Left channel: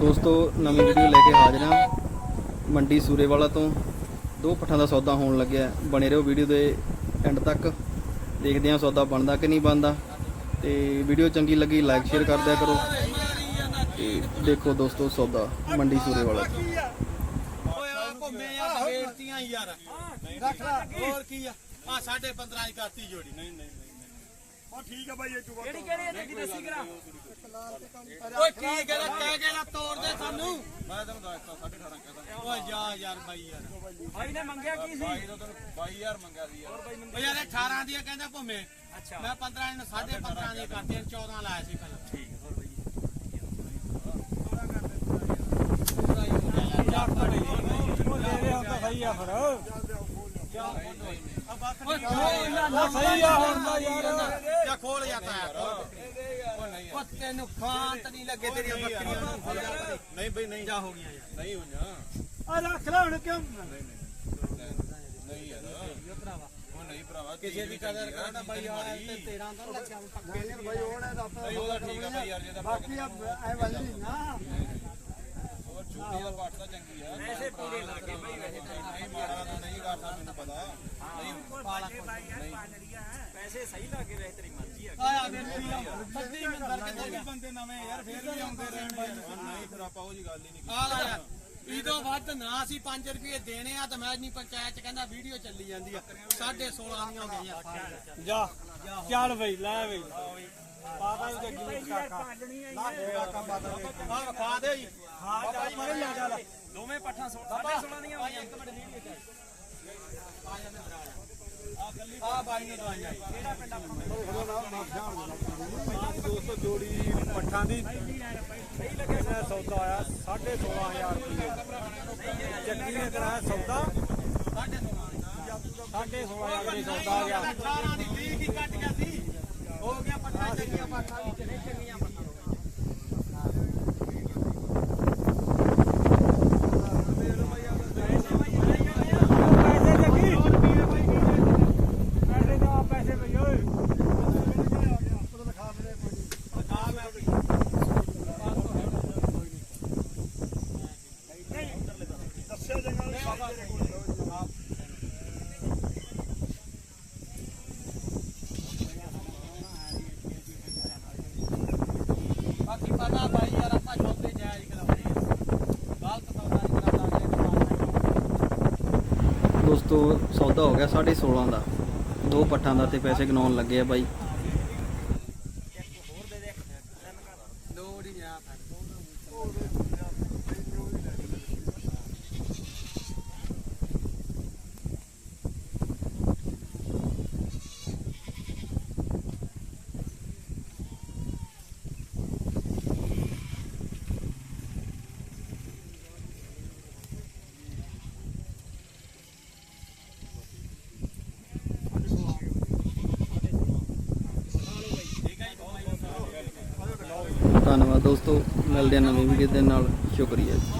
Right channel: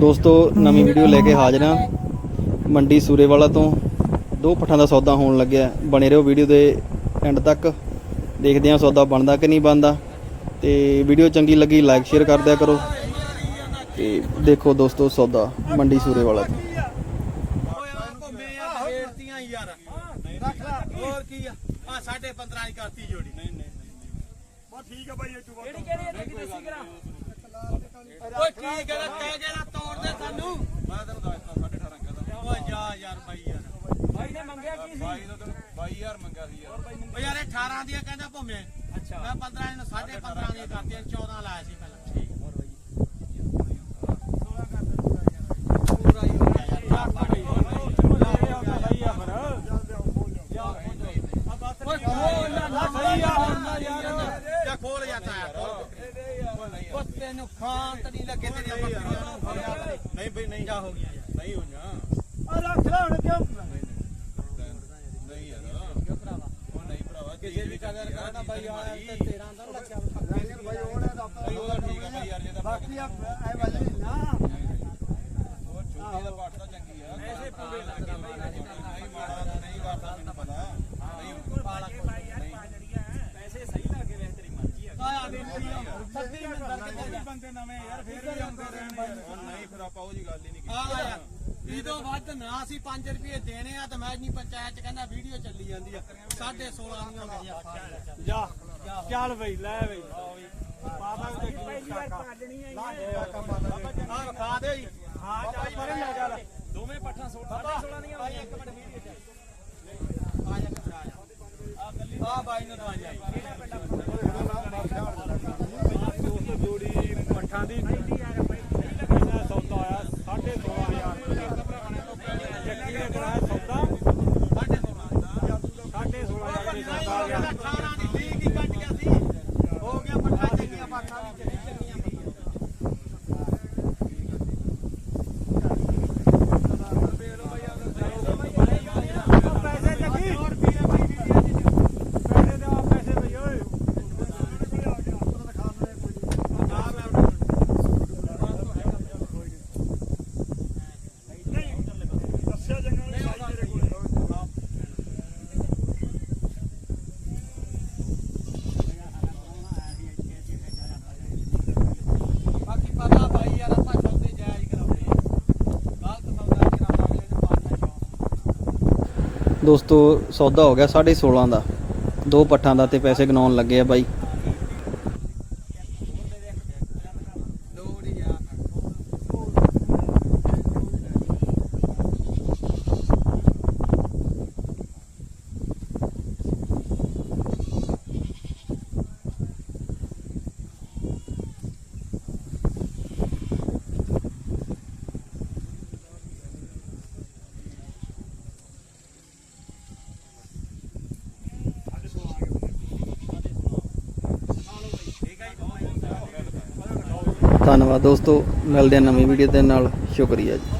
ਦੋਸਤੋ, ਨਵੀਂ ਵੀਡੀਓ ਲੈ ਕੇ ਹਾਜ਼ਰ ਹਾਂ। ਮੰਡੀ ਸੂਰੇਵਾਲਾ ਤੋਂ ਦੋ ਪੱਠਾਂ ਦਾ ਸੌਦਾ ਹੋਣ ਲੱਗਿਆ ਬਣੇ ਰਹੋ ਵੀਡੀਓ ਦੇ ਐਂਡ ਤੱਕ। ਦੇਖਦੇ ਹਾਂ ਸੌਦਾ ਬਣਦਾ ਕਿ ਨਹੀਂ ਬਣਦਾ। ਤੇ ਵੀਡੀਓ ਚੰਗੀ ਲੱਗੀ ਲਾਈਕ ਸ਼ੇਅਰ ਕਰ ਦਿਆ ਕਰੋ। ਤੇ ਦੇਖੋ ਦੋਸਤੋ ਸੌਦਾ ਮੰਡੀ ਸੂਰੇਵਾਲਾ ਤੋਂ। ਰੱਖ ਲੈ ਹੋਰ ਕੀ ਆ ਆ 15.5 ਕਰਤੀ ਜੋੜੀ ਨਹੀਂ ਨਹੀਂ ਠੀਕ ਆ ਬਾਈ ਇਹ ਚੁਗਾ ਕਿਹੜੀ ਕਿਹੜੀ ਲੱਗੀ ਦੱਸੀ ਕਰਾ। ਓਏ ਕੀ ਕਰਾ ਕਹਿ ਕੇ ਨਾ ਤੋੜ ਦੇ ਸਾਨੂੰ। ਮੈਂ ਤੈਨੂੰ ਦੱਸਤਾ 18.5 ਕਹਿੰਦਾ ਓਏ ਜਾ ਯਾਰ ਬਾਈ ਯਾਰ। ਬਾਈ ਨੇ ਮੰਗਿਆ ਕੀ ਸੀ? ਬਾਈ ਨੇ ਤੈਨੂੰ 22000 ਮੰਗਿਆ ਸੀ ਯਾਰ। ਓ ਯਾਰ ਇਹ 18 ਦੀ ਕਹਿੰਦਾ ਭੁੰਮੇ ਅੱਛਾ। ਮੈਂ 15 ਨੂੰ 15.5 ਦੀ ਕਰਤੀ 14 ਲਾਇਆ ਸੀ ਪਹਿਲਾਂ। ਠੀਕ। ਹੋਰ ਬਾਈ ਪੂਰਾ ਹੀ ਹੋ ਗਿਆ ਯਾਰ ਜਾ ਬਾਈ ਓਏ ਖੋਲ ਨਾ ਨਾ ਸਹੀ ਆ। ਯਾਰ ਖੋਲ ਜਾਂਦਾ ਯਾਰ। ਪੱਤੇ ਨੂੰ ਖਾਂ ਤਾਂ ਨਹੀਂ ਲੱਗੇ ਤੇਰੀਆਂ ਬੱਕਰੀਆਂ ਨਹੀਂ ਬਈ ਨਹੀਂ ਜਾ ਹੋ ਗਿਆ ਨਹੀਂ ਹੋਈਆਂ ਆ ਰੱਖ ਲੈ ਹੁਣ ਕਿਉਂ ਨਹੀਂ ਯਾਰ ਉਹ ਨਹੀਂ ਭਰਾਵਾ ਕਿਸੇ ਦੀ ਕਦਰ ਕਰਨਾ ਬਾਈ ਆ ਤੇ 13 ਦਾ ਲੱਗਿਆ ਪੱਕੇ ਬਾਈ ਉਹਨੇ ਦਾ ਬਾਈ ਉਹਦਾ ਠੀਕ ਆ ਬਾਈ ਯਾਰ ਜੇ ਤਾਂ ਬਾਕੀ ਆ ਐ ਵਾਲੀ ਨਾ ਉਹ ਛੋਟੀ ਦਾ ਪਾਠ ਤਾਂ ਚੰਗੀ ਆ ਐਸੇ ਪੂਰੇ ਲੱਗੇ ਬਾਈ ਨਹੀਂ ਮਾੜਾ ਤਾਂ ਨਹੀਂ ਕਰਦਾ ਮੈਨੂੰ ਪਤਾ ਨਹੀਂ ਪਾਲਾ ਨਹੀਂ ਪੈਸੇ ਸਹੀ ਲੱਗੇ ਵੇਖ ਤੇਰੀ ਮਰਜ਼ੀ ਆ ਆਇਆ ਵੇਖੀ ਆ ਸੱਤੀ ਮੰਦਰ ਕਿਤੇ ਬੰਦੇ ਨਵੇਂ ਯਾਰ ਫੇਰ ਵੀ ਆਉਂਦੇ ਰਹਿਣ ਯਾਰ ਨਹੀਂ ਫਿਰ ਆਪਾਂ ਉਹ ਜੀ ਗੱਲ ਹੀ ਨਹੀਂ ਆ ਯਾਰ ਇਦੋਂ ਵੱਧ ਨਾ ਅਸੀਂ 5 ਰੁਪਏ ਦੇਣੇ ਆ ਤੇ ਮੈਂ ਨਹੀਂ ਪੰਚਾਇਤ ਚ ਕਹਿੰਦਾ ਵੀਡੀਓ ਚੱਲੀ ਜਾਂਦੀ ਆ 16.5 ਦੀਆਂ ਹੋ ਗਈਆਂ ਜਾ ਚੱਲ ਬਈ ਲੈ ਬਈ ਬਾਬਾ ਜੀ ਦੇ ਪਹਿਲੀ ਯਾਰ ਪਾਲਣੀ ਆਈ ਆ ਵਿਖਾ ਦੇ ਜੀ ਹਾਂ ਬਾਈ ਮਰਨ ਲੱਗ ਜਾ ਦੋਵੇਂ ਪੱਠਾਂ 16 ਦੀਆਂ ਬਾਈ ਇੱਕ ਮਿੰਟ ਵੀਡੀਓ ਚ ਆ ਜਾ ਆ ਜਾ ਆ ਬਾਈ ਨੇ ਦਵਾਈਆਂ ਦੋਸਤੋ ਜੋੜੀ ਪੱਠਾਂ ਦੀ ਇਹਦਾ ਸੌਦਾ ਆਇਆ 16.5 ਚੱਕੀ ਨੇ ਕਰਾ ਸੌਦਾ 16.5 18 ਦੀ 20 ਕੀ ਕੱਟ ਗਿਆ ਸੀ ਹੋ ਗਿਆ ਪੱਠਾ ਚੰਗੀਆਂ ਪਾਠਾਂ ਵੀ ਚੰਗੀ ਚੰਗੀਆਂ ਪੈਸੇ ਲੱਗੀ ਪੈਸੇ ਦਾ ਪੈਸੇ ਬਈ ਓਏ ਦੱਸਿਆ ਜੰਗਲ ਨਹੀਂ ਤੇਰੇ ਕੋਲ ਬਾਕੀ ਪਤਾ ਭਾਈ ਯਾਰ, ਆਪਾਂ ਚੌਦੇ ਜਾਇਜ਼ ਕਰਾਉਂਦੇ ਗਲਤ ਸੌਦਾ ਕਰਾਉਂਦਾ ਇਹ ਮਾਰਨਾ ਦੋਸਤੋ, ਸੌਦਾ ਹੋ ਗਿਆ 16.5 ਦਾ। ਦੋ ਪੱਠਾਂ ਦਾ ਤੇ ਪੈਸੇ ਗਨਾਉਣ ਲੱਗੇ ਆ ਬਾਈ ਦੋ ਨਹੀਂ ਆ ਧੰਨਵਾਦ ਦੋਸਤੋ ਮਿਲਦੇ ਹਾਂ ਨਵੀਂ ਵੀਡੀਓ ਦੇ ਨਾਲ ਸ਼ੁਕਰੀਆ ਜੀ।